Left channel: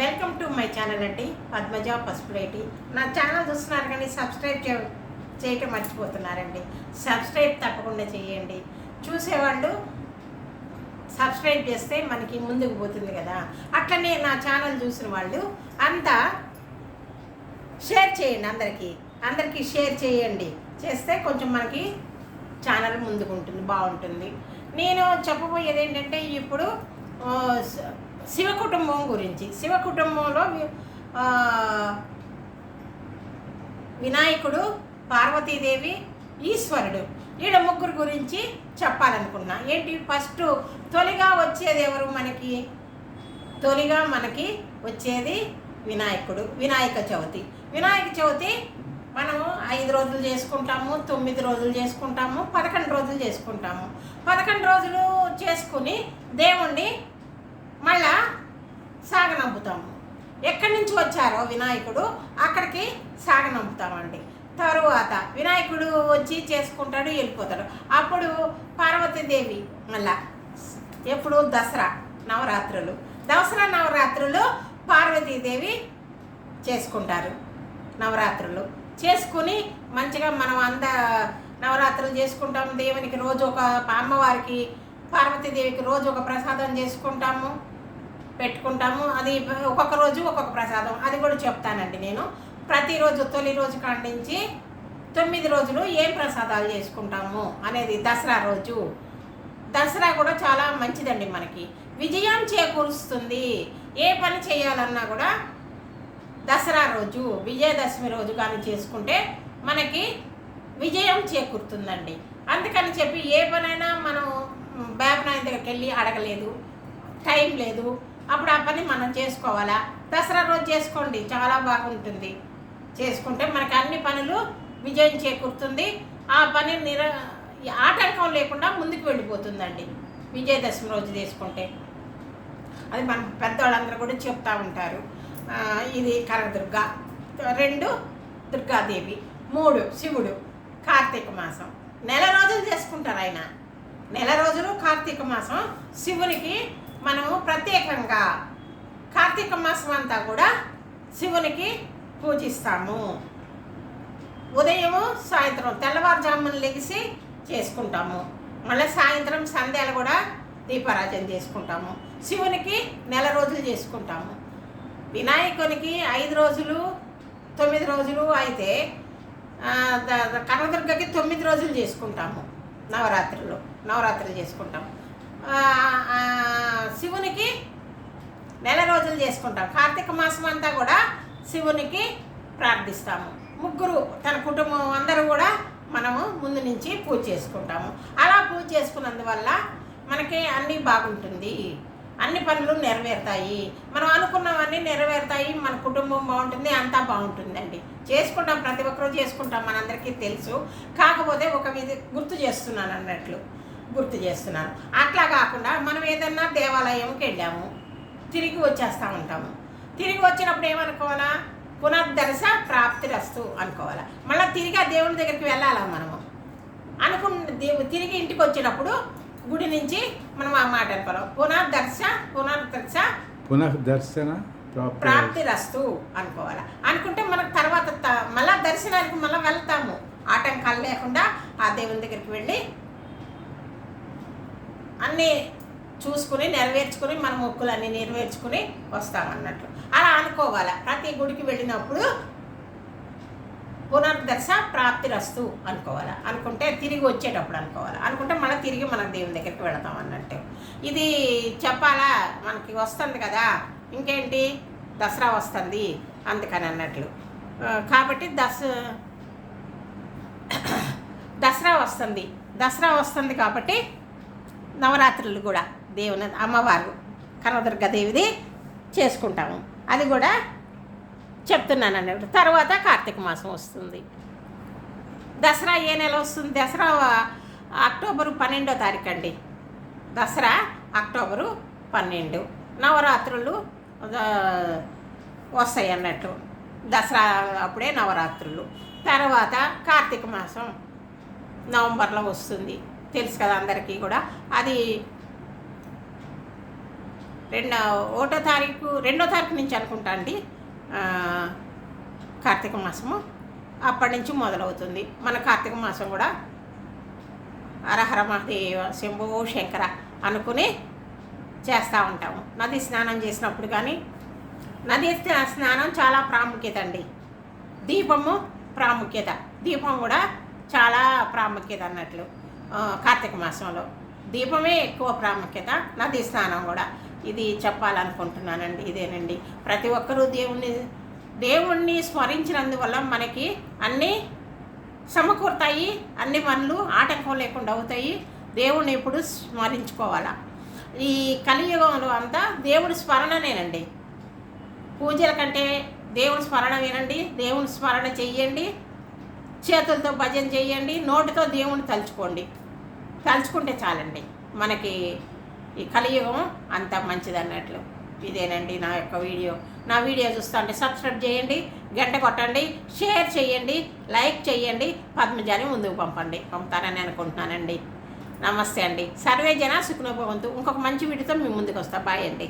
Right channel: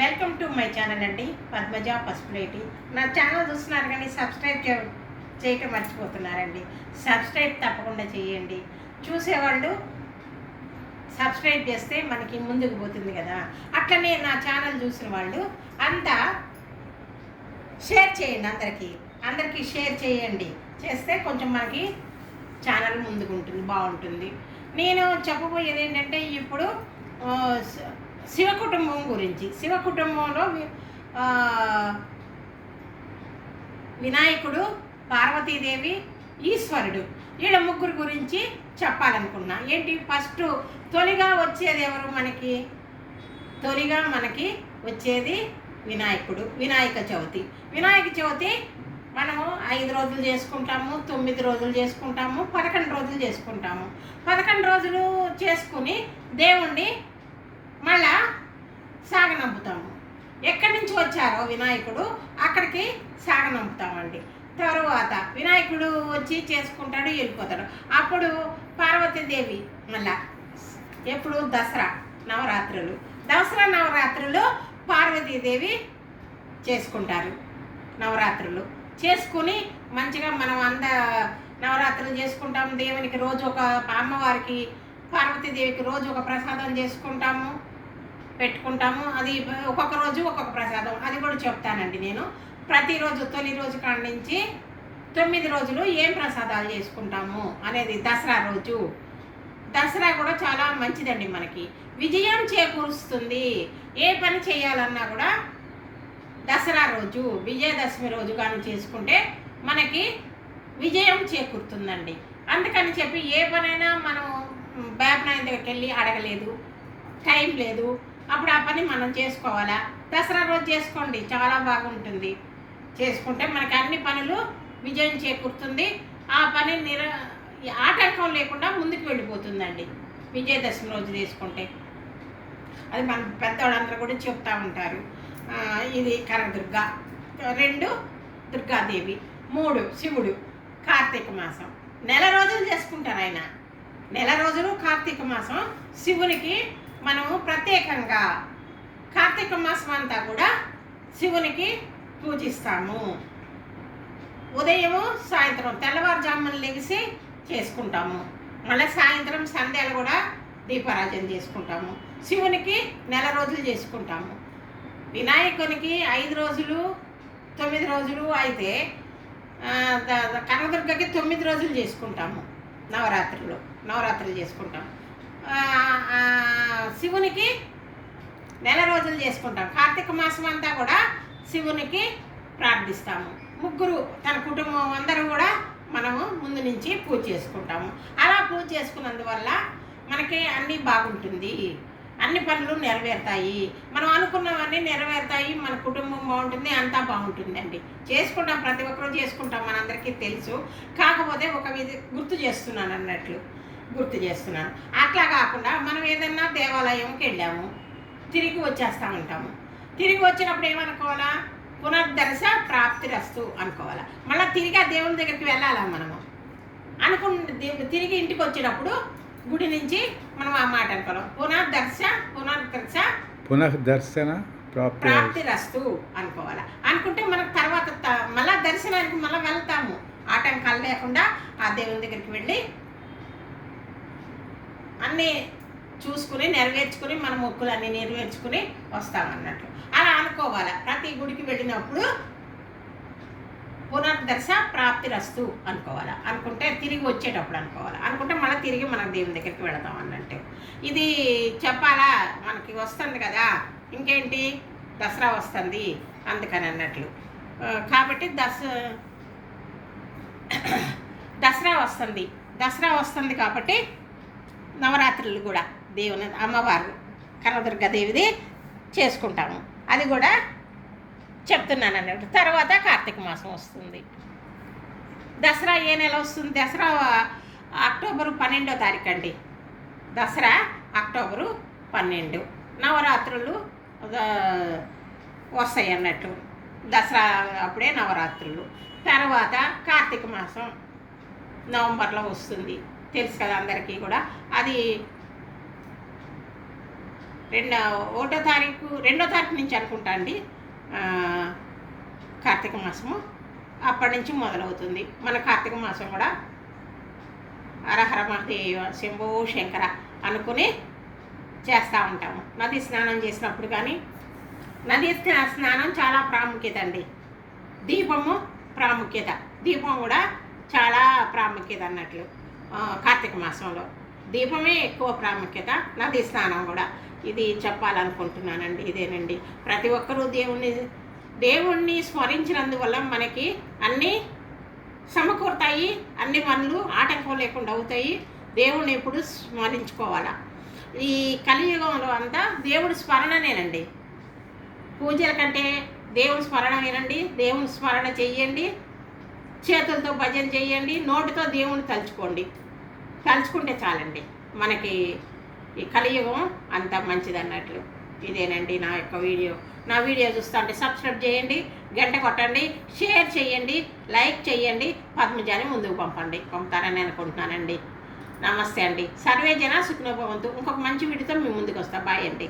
Welcome to my channel అండి పద్మజ పసుపులేటి నా channel చూస్తున్నారు కానీ సబ్స్క్రైబ్ చేయటం మర్చిపోతున్నారండి. సబ్స్క్రైబ్ తప్పకుండా చేయండి. చూసేవాళ్ళు సబ్స్క్రైబ్ చేస్తే మనకి ముందుకు పోతుంది కదా. అట్లనే నా ఛానల్ చూసిన వాళ్ళు అంతా షేర్ చేయండి అందరికీ. అందరికీ షేర్ చేయండి. చేస్తే కొంచెం మనకి ఛానల్ ముందుకు ఉంటుంది బాగుంటుంది. నేను చెప్పబోయేది ఏంటంటే ఇప్పుడు శివ కుటుంబం గురించి. శివ కుటుంబంలో వినాయకుడు పార్వతీదేవి ఈశ్వరుడు. వీళ్ళ ముగ్గురు గురించి చెప్పాలనుకున్నా. ఏంటి? ఫస్ట్ తొలిగా వచ్చేది ఎవరు మనకి? తొలిగా మనకి వచ్చేది వినాయకుడు వినాయక చవితి. వినాయక చవితి మనము ఐదు రోజులు చేసుకుంటాము తొమ్మిది రోజులు చేసుకుంటాము పదకొండు రోజులు చేసుకుంటాము. పదకొండు రోజులు చేసుకుని దేవుణ్ణి మళ్ళా సాగనంపుతాము. ఎక్కడి నుంచి వచ్చారో వినాయకుడు అక్కడికి సాగనంపుతామండి. తరువాత వినాయకుడు వచ్చి చేసుకుంటాడు వెళ్ళిపోతాడు. అప్పుడు పార్వతీదేవి మళ్ళా ఎప్పుడు దసరా నవరాత్రులు. దసరా నవరాత్రులు పార్వతీదేవి చేసుకుంటారు. నవరాత్రులు చేసుకుని మంచిగా మనం అంద నవరాత్రులు చేసుకుంటాము దేవునికి రోజు ఒక అమ్మవారికి పార్వతీదేవికి రోజు ఒక ప్రసాదం చేసుకుంటాము. పెట్టుకుంటాము. అది ఒక్కొక్క రోజు ఒక్కొక్క ప్రసాదం. అది కూడా చెప్తానండి నేను. ప్రతిరోజు తొలి రోజు కాడి నుంచి తొమ్మిది రోజులు ఏం ప్రసాదాలు చేసుకుంటాము అనేది దసరా రోజు. దసరా కూడా చాలా మంచిదండి మనకి. విజయం చేకూరుస్తుంది. ఏ పని చేయాలన్నా కూడా దసరా రోజు విజయదశమి రోజు కానీ చేసుకుంటే మనకి విజయం చేకూరుతుందండి. అందుకని చెప్పి ఏ పనైనా మనం బ్యాబ్ నాయన దగ్గరికి వెళ్ళి అడగలేదు టైం లేదు అప్పుడు ఆ పని మనం చేసుకోవాలా? దసరా రోజు చేసుకోండి చాలా బాగుంటుంది. చేసుకుంటే మనకు అన్ని పనులు విజయం చేకూరుతుంది. ఆ పని నిర ఆటంకం లేకుండా ముందుకు వెళ్ళిపోతుందండి. విజయదశమి రోజు చేసుకుంటే. అది మన పెద్దవాళ్ళందరూ కూడా చెప్తా ఉంటారు. ఇది కనకదుర్గ. రెండు దుర్గాదేవి. మూడు శివుడు. కార్తీక మాసం. నెల రోజులు చేసుకుంటారు ఆయన. నెల రోజులు కార్తీక మాసం శివునికి మనము ప్రత్యేకంగా కార్తీక మాసం అంతా కూడా శివునికి పూజిస్తాము. ఉదయము సాయంత్రం తెల్లవారుజామున లెగిసి చేసుకుంటాము. మళ్ళీ సాయంత్రం సంధ్యాలు కూడా దీపారాజన చేసుకుంటాము. శివునికి నెల రోజులు చేసుకుంటాము. వినాయకునికి ఐదు రోజులు తొమ్మిది రోజులు అయితే ఆ, కనకదుర్గకి తొమ్మిది రోజులు చేసుకుంటాము. నవరాత్రులు నవరాత్రులు చేసుకుంటాం శివునికి నెల రోజులు చేసుకుంటాం. కార్తీక మాసం అంతా కూడా శివునికి ప్రార్థిస్తాము. ముగ్గురు తన కుటుంబం అందరూ కూడా మనము ముందు నుంచి పూజ చేసుకుంటాము. అలా పూజ చేసుకున్నందువల్ల మనకి అన్నీ బాగుంటుంది. అన్ని పనులు నెరవేరుతాయి. మనం అనుకున్నవన్నీ నెరవేరుతాయి. మన కుటుంబం బాగుంటుంది. అంతా బాగుంటుందండి. చేసుకుంటాం. ప్రతి ఒక్కరూ చేసుకుంటాం. మనందరికీ తెలుసు. కాకపోతే ఒక మీద గుర్తు చేస్తున్నాను అన్నట్లు. గుర్తు చేస్తున్నాను. అట్లా కాకుండా మనం ఏదన్నా దేవాలయంకి వెళ్ళాము తిరిగి వచ్చేస్తూ ఉంటాము. తిరిగి వచ్చినప్పుడు ఏమనుకోవాలా? పునర్దర్శ ప్రాప్తి రస్తు అనుకోవాలా. మళ్ళీ తిరిగి ఆ దేవుని దగ్గరికి వెళ్ళాలా మనము? అనుకున్న దేవు తిరిగి ఇంటికి వచ్చినప్పుడు గుడి నుంచి మనం ఆ మాట అనుకోవాలి. పునర్దర్శ పునర్దర్శ పునః దర్శన ప్రాప్తి రస్తు అనుకోవాలి. అనుకుంటే మనకు తర్వాత మళ్ళా దర్శనానికి మళ్ళీ వెళ్తాము. ఆటంకాలు లేకుండా ఆ దేవుని దగ్గరికి వెళ్ళి అన్నీ చూసుకుని నెరవేర్చుకుని మన మొక్కులన్నీ నెరవేర్చుకుని వస్తామన్నట్లు అలా అనుకోవాలి? ప్రతి గుడికి వెళ్ళినప్పుడు పునర్దశ ప్రాప్తి రస్తు అనుకోవాలి? అనుకుంటే తిరిగి వచ్చేటప్పుడు అనుకోవాలి? అనుకుంటే మళ్ళీ తిరిగి మనం దేవుని దగ్గరికి వెళతాం అన్నట్టు. ఇది చెప్పాలా? మనకి వస్తుంది కదా. ఇంకేంటి? దసరా వస్తుంది అందుకని అన్నట్లు. కాబట్టి దస దసరా వస్తుంది. దసరా వస్తుంది కాబట్టి నవరాత్రులు కూడా దేవుని అమ్మవారు కనదుర్గదేవిది చేసుకుంటాము. అది కూడా చెప్తున్నాను అన్నట్టు. తర్వాత కార్తీక మాసం వస్తుంది. దసరా ఏ నెల వస్తుంది? దసరా అక్టోబరు పన్నెండో తారీఖు అండి. దసరా అక్టోబరు పన్నెండు. నవరాత్రులు వస్తాయి అన్నట్టు. దసరా అప్పుడే నవరాత్రులు. తర్వాత కార్తీక మాసం నవంబర్లో వస్తుంది. తెలుసు కదా అందరికీ కూడా. అది రెండో ఒకటో తారీఖు రెండో తారీఖు నుంచి అనుకుంటా అండి. కార్తీక మాసము. అప్పటి నుంచి మొదలవుతుంది. మన కార్తీక మాసం కూడా అరహర మహదేవ శంభో శంకర అనుకుని చేస్తూ ఉంటాము. నది స్నానం చేసినప్పుడు కానీ నది స్నానం చాలా ప్రాముఖ్యత అండి. దీపము ప్రాముఖ్యత. దీపం కూడా చాలా ప్రాముఖ్యత అన్నట్లు. కార్తీక మాసంలో. దీపమే ఎక్కువ ప్రాముఖ్యత నది స్నానం కూడా. ఇది చెప్పాలనుకుంటున్నానండి ఇదేనండి. ప్రతి ఒక్కరూ దేవుణ్ణి దేవుణ్ణి స్మరించినందువల్ల మనకి అన్నీ సమకూరుతాయి అన్ని పనులు ఆటంకం లేకుండా అవుతాయి. దేవుణ్ణి ఎప్పుడు స్మరించుకోవాలా. ఈ కలియుగంలో అంతా దేవుడి స్మరణనేనండి. పూజల కంటే దేవుని స్మరణ వినండి దేవుని స్మరణ చెయ్యండి చేతులతో భజన చేయండి నోటితో దేవుని తలుచుకోండి. తలుచుకుంటే చాలండి. మనకి ఈ కలియుగం అంత మంచిది అన్నట్లు ఇదేనండి నా యొక్క వీడియో. నా వీడియో చూస్తుంటే సబ్స్క్రైబ్ చేయండి గంట కొట్టండి షేర్ చేయండి లైక్ చేయండి పద్మజాని ముందుకు పంపండి. పంపుతానని అనుకుంటున్నానండి. నమస్తే అండి. సర్వే జన సుఖనోభవంతు ఇంకొక మంచి వీడియోతో మీ ముందుకు వస్తా. బాయ్ అండి.